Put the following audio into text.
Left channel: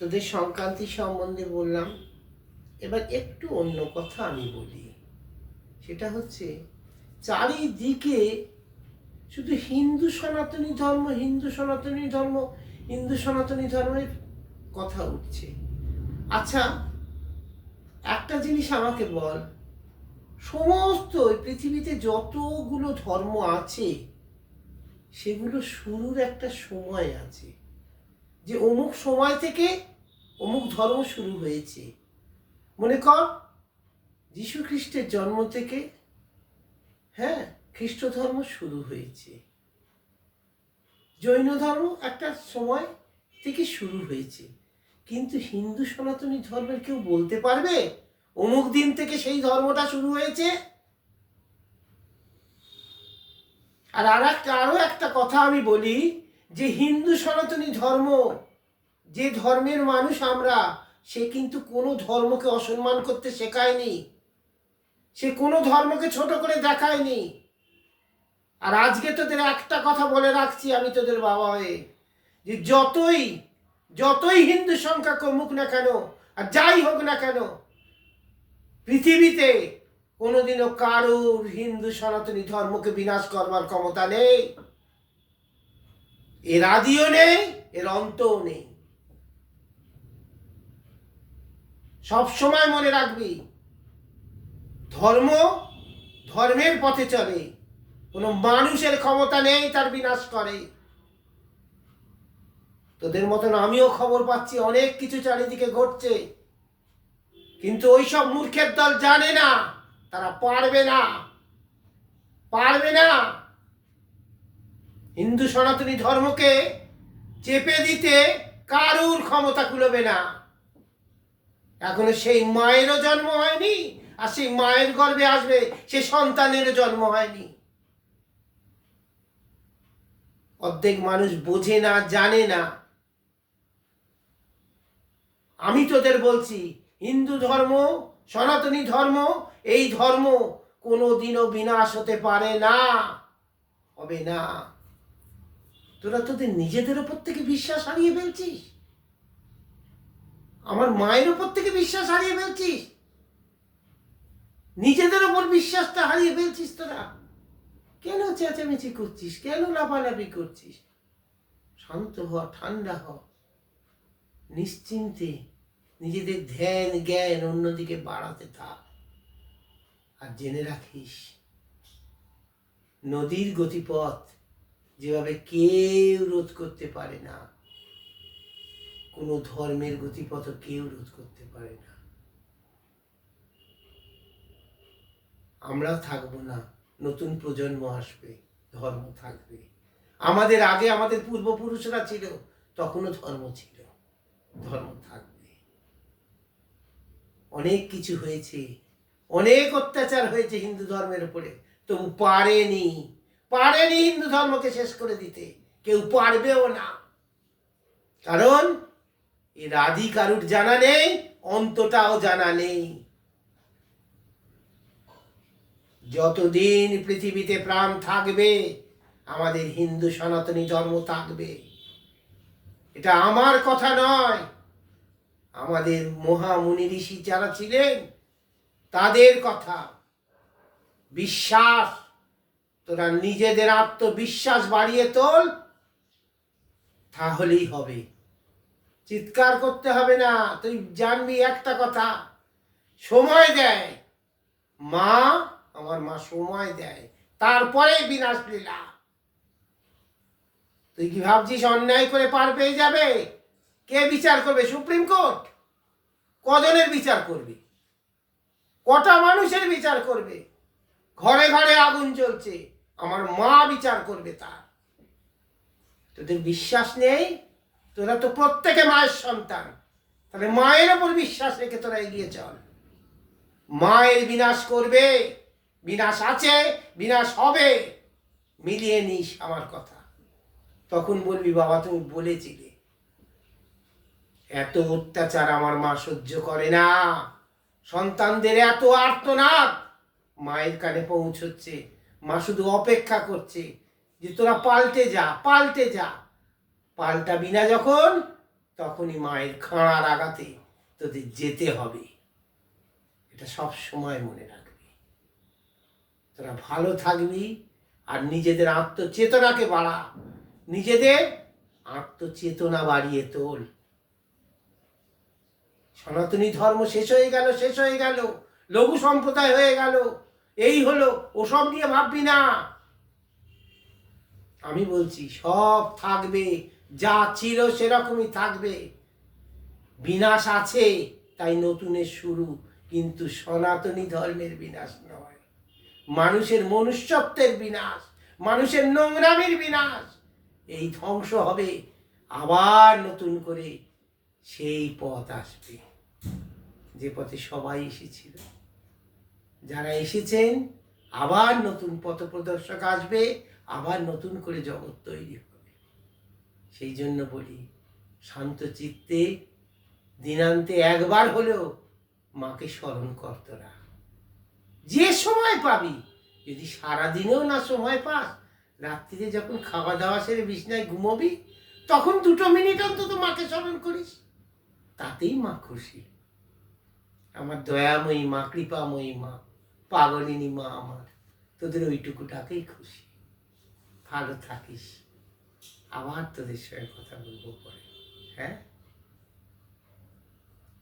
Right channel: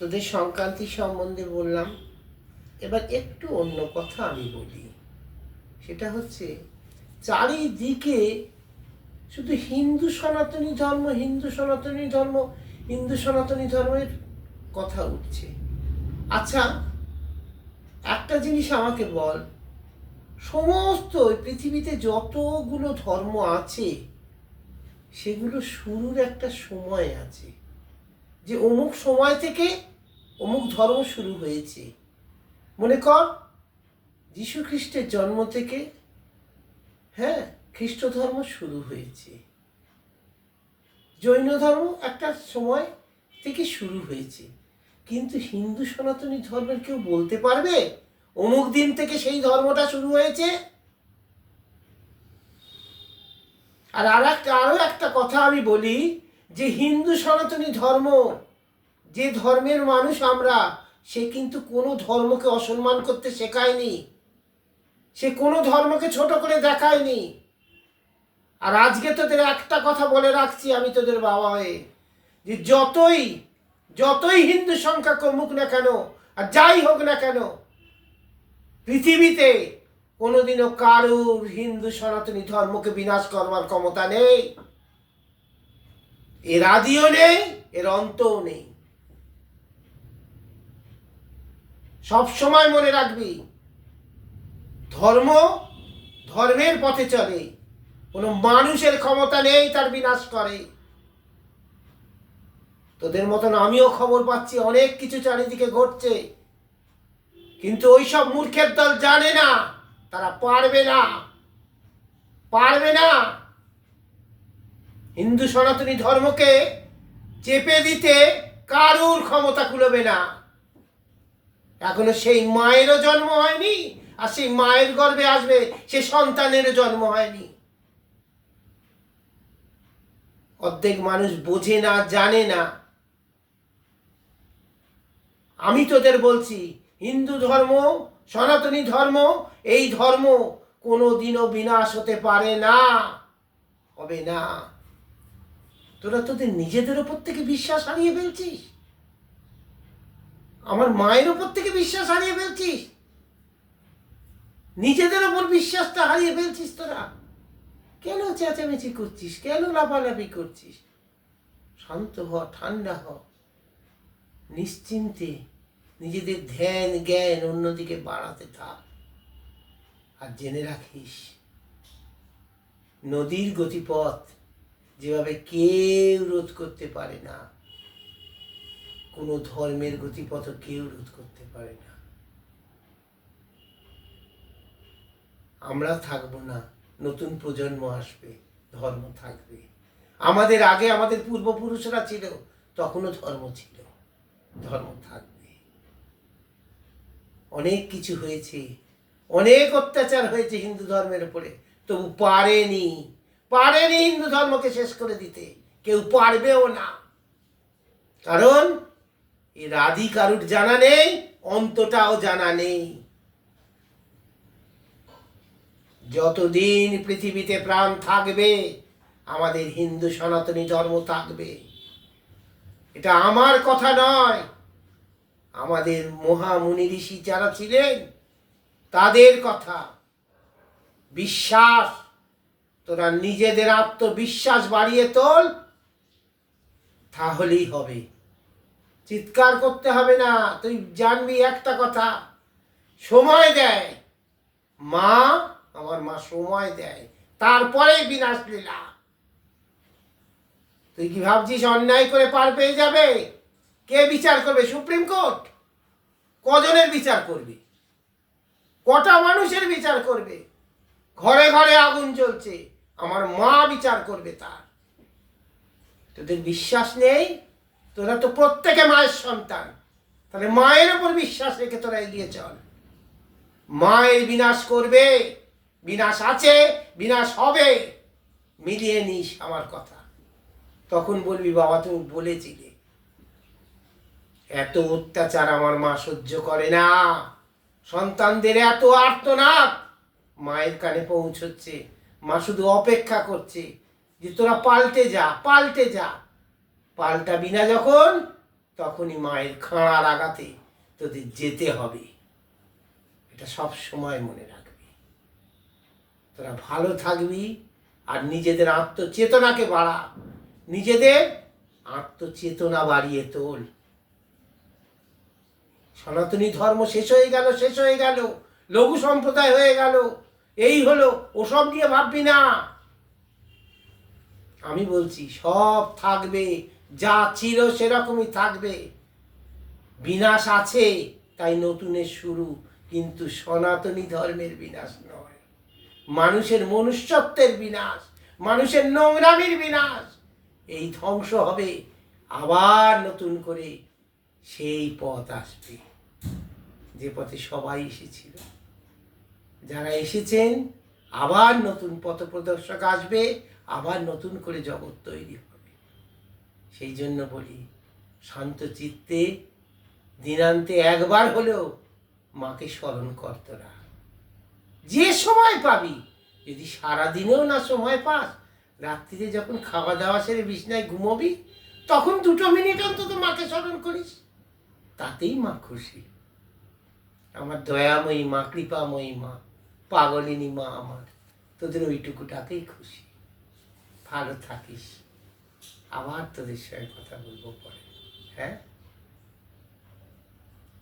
তোদের সংক্রান্তি সম্বন্ধে বললাম, এবার একটু অন্য কথা আমি বলি। সেটা হচ্ছে চারিদিকে শুধু হিন্দু সনাতনী ধর্ম, হিন্দু সনাতনী ধর্ম, হিন্দু সনাতনী ধর্মের কথা উঠছে। আচ্ছা, একটা জিনিস আমাকে বল, সমস্ত পৃথিবীতে যতগুলো ধর্ম আছে সেগুলো শুরুর একটা সময় আছে, যে অমুক সময় থেকে অমুক ধর্ম শুরু হয়েছে। মনে কর যীশু খ্রিস্টের জন্ম থেকে খ্রিস্ট ধর্ম শুরু হয়েছে, জৈন ধর্ম একটা সময় থেকে শুরু হয়েছে। কিন্তু হিন্দু সনাতনী ধর্মের কেউ বলতে পারবে অমুক দিন থেকে সেই ধর্মটা শুরু হয়েছে? আর আরো একটা কথা আমি বলি, যে হিন্দু সনাতনী ধর্ম, যে ধর্মের মানুষ আমরা, সে কিন্তু কোনো ধর্মকে অসম্মান করতে শেখায়নি, সে কোনো ধর্মকে ছোট করে দেখায়নি। আর আজকে তোদের একটা কথা বলে রাখছি আমি তোদের বাবা হয়ে, যে যতই হিন্দু সংখ্যা কমুক না কেন আর যাই হোক না কেন, পৃথিবীতে কোনোদিনও কারুর হিন্দু সনাতনী ধর্মকে বিনাশ করবার ক্ষমতা নেই। এর আদিও নেই, এর অন্তও নেই। সব সময় মনে রাখবি, ধর্মের পথে চলে, কোনো মানুষের ক্ষমতা নেই তার বিনাশ করে। তোদের মতন আমিও খবর পাচ্ছি অনেক কিছু চারিদিকে ঘটছে, কিন্তু ওইসব মূর্খের দল জানে না, তারা পারবে না। হিন্দু সনাতনী ধর্মকে চেপে দিতে কারুর ক্ষমতা কুলোবে না। এখনো সেই মায়েরও জন্ম হয়নি, আর সেই মায়ের গর্ভে আসবে সে সন্তানেরও জন্ম হয়নি। অর্ধেক মানুষ বোঝে না, জানে না। আমি তোদের বলছি, হিন্দু ধর্ম, সনাতনী ধর্ম, এই ধর্ম কোনোদিনও বিনাশ হতে পারে না, হবে না। তোরা তোদের নিজেদের উপর থেকে বিশ্বাস হারিয়ে ফেলছিস, আমার মায়ের উপর থেকে বিশ্বাস হারিয়ে ফেলছিস, নিজেদের উপর বিশ্বাসটা হারিয়ে ফেলছিস। তোরা কেন চেঁচামেচি করছিস? কেন লাফালাফি করছিস? শান্ত হ, ঠান্ডা হ, নিশ্চিন্তে নিজেদের ধ্যান জ্ঞান অন্যদিকে বাড়াতে থাক। আর জেনে রাখিস, নদীর গতিপথ যেভাবে কেউ রোধ করতে পারে না, কোনো ধর্মের গতিপথ কেউ রোধ করতে পারে না। আমরা থাকবো না, নতুন প্রজন্ম আসবে, ধর্ম থাকবে। আমাদের আগে আমাদের পূর্বপুরুষরা ছিল, তখনও ধর্ম ছিল, ধর্ম থাকবে। অনেক কিছু হয়েছে, অনেক অত্যাচার হয়েছে হিন্দু ধর্মের উপরে, তবু পারেনি হিন্দু ধর্মকে শেষ করে দিতে, কেউ পারবেও না। কারণ এর আদি কারুর জানা নেই, অন্তটাও জানা নেই। যতদিন পৃথিবীতে প্রাণ থাকবে আমাদের হিন্দু সনাতনী ধর্ম থাকবে। এটা আমার কথা নয়, আমাদের মহামুনি ঋষি যারা ছিলেন তাদের কথা। বিশ্বাস, তোরা নিজেদের আত্মবিশ্বাস বাড়িয়ে তোল, তাহলেই হবে। চিৎকার করতে হবে না। তুই জানবি একটা কথা, সময় দেয় মা, আমার মা সময় দেয়, তারপরে বিনাশ লীলা। তুই কি ভাবছিস অন্যায় করে পার পেয়ে যাবে? কে বিচার করবে? Supreme court? কজনের বিচার করবে? কটা মানুষের বিচার করবে? ঘরে ঘরে আগুন জ্বলছে, আমার মা বিচার করবে তার? তোদের বিশ্বাস নেই? তোরা তো প্রত্যেকে মায়ের সন্তান, তাহলে মায়ের ওপর বিশ্বাস রেখে তোরা এগিয়ে চল। মায়ের বিনাশ করবে, বিনাশ আছে, বিনাশ হবে, মিলিয়ে নিস আমার কথা। তখন বলবি বাবা তুমি বলেছিলে। এত অত্যাচার আমার মা সহ্য করে না, সন্তানদের এত আর্তনাদ মায়ের কানে পৌঁছচ্ছে, মা শুধু অপেক্ষা করছে যে তোরা পাল্টে যা। পাল্টাবি না যখন, তখনই মায়ের খাঁড়ার আঘাতে তোদের যেতে হবে। এটা সব সময় মনে রাখবি। তোরা ভালো থাকবি আর নিজেদের আত্মচেতনাকে বাড়া, নিজেদের আত্মচেতনা বাড়িয়ে তোল। সনাতনী ধর্ম শেষ হয়ে গেল, লঘু সম্প্রদায় হয়ে গেল, এই হলো, ওসব নিয়ে ভাববি না। আমি বলছি সব থাকবে, যা ছিল সেরকমই থাকবে। বিনাশ আছে, তাই নতুনের শুরু, কিন্তু সনাতনী ধর্মের বিনাশ নয়। মানুষের মনুষ্যত্বের বিনাশ, মানুষের নোংরামির বিনাশ। এই ধ্বংস হবে, আবার নতুন করে সেই পথ আসবে যে পথে সবাই এসেছিল। যারা এসেছেন, আবার নতুন পথপ্রদর্শক আসবে, আবার নতুন করে জগৎ তৈরি হবে। সেই জন্য বলি, শান্ত চিত্তে দিনান্তে একবার হলেও মাকে স্মরণ কর তোরা। যে সময় পাবি, যদি সারাদিনেও না সময় পাস, রাত্রিতে যখন খাওয়া দাওয়া সেরে বিছনায় ঘুমোবি, তখন 2 মিনিট অন্তত মাকে স্মরণ করিস, তাতেই মা খুশি। আমার দয়াময়ী মা, কৃপাময়ী মা, পাগলিনী মা আমার, তোদের ওইটুকুটাতেই খুশি। ভালো থাকিস, আবার তোদের সঙ্গে কথা বলবো পরে। হ্যাঁ।